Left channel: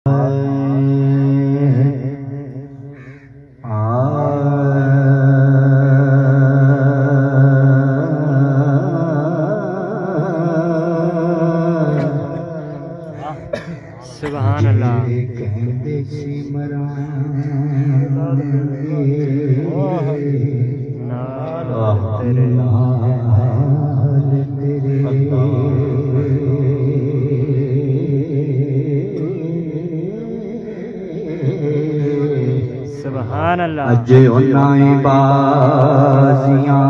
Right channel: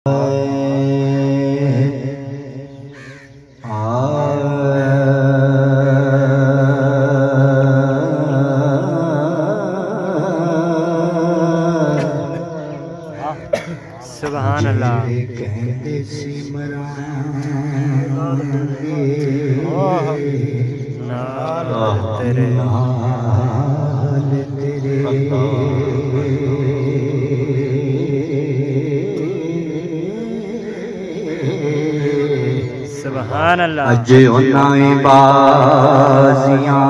सुभान अल्लाह। नाल तेरे सुभान अल्लाह। अज उन्हां बाजियां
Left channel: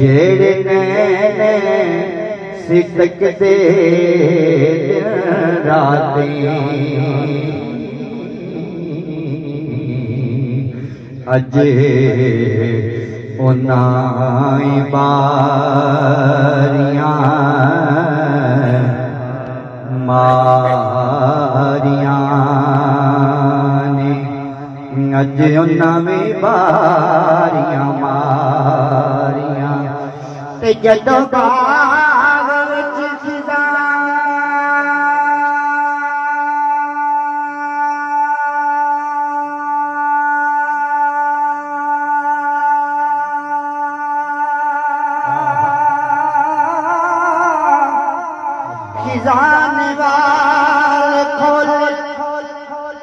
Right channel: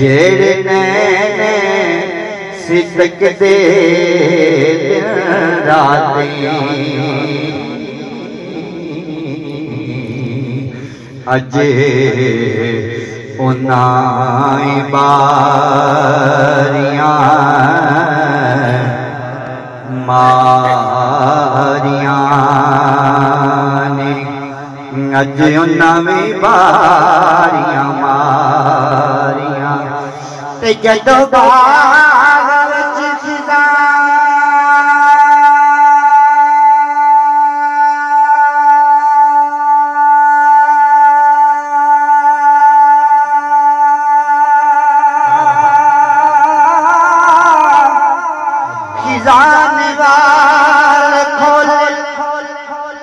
जेड़े नैने सितक दे रातें अज उन्हां बारियां मारियां ने अज उन्हां बारियां मारियां ते जदों बाग विच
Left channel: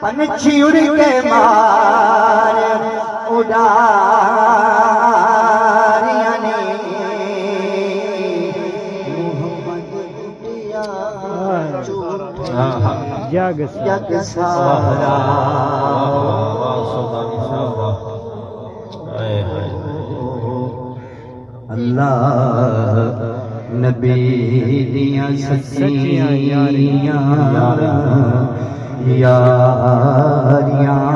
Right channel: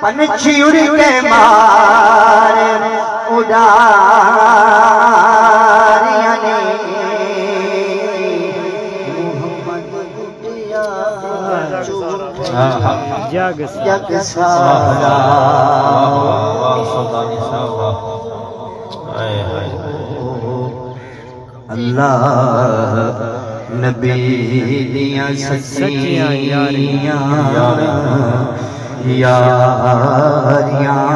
पंछी उड़ के मारे उड़ारियां ने जग जग सारा अल्लाह नबी दियां सच्चियां यारियां यारियां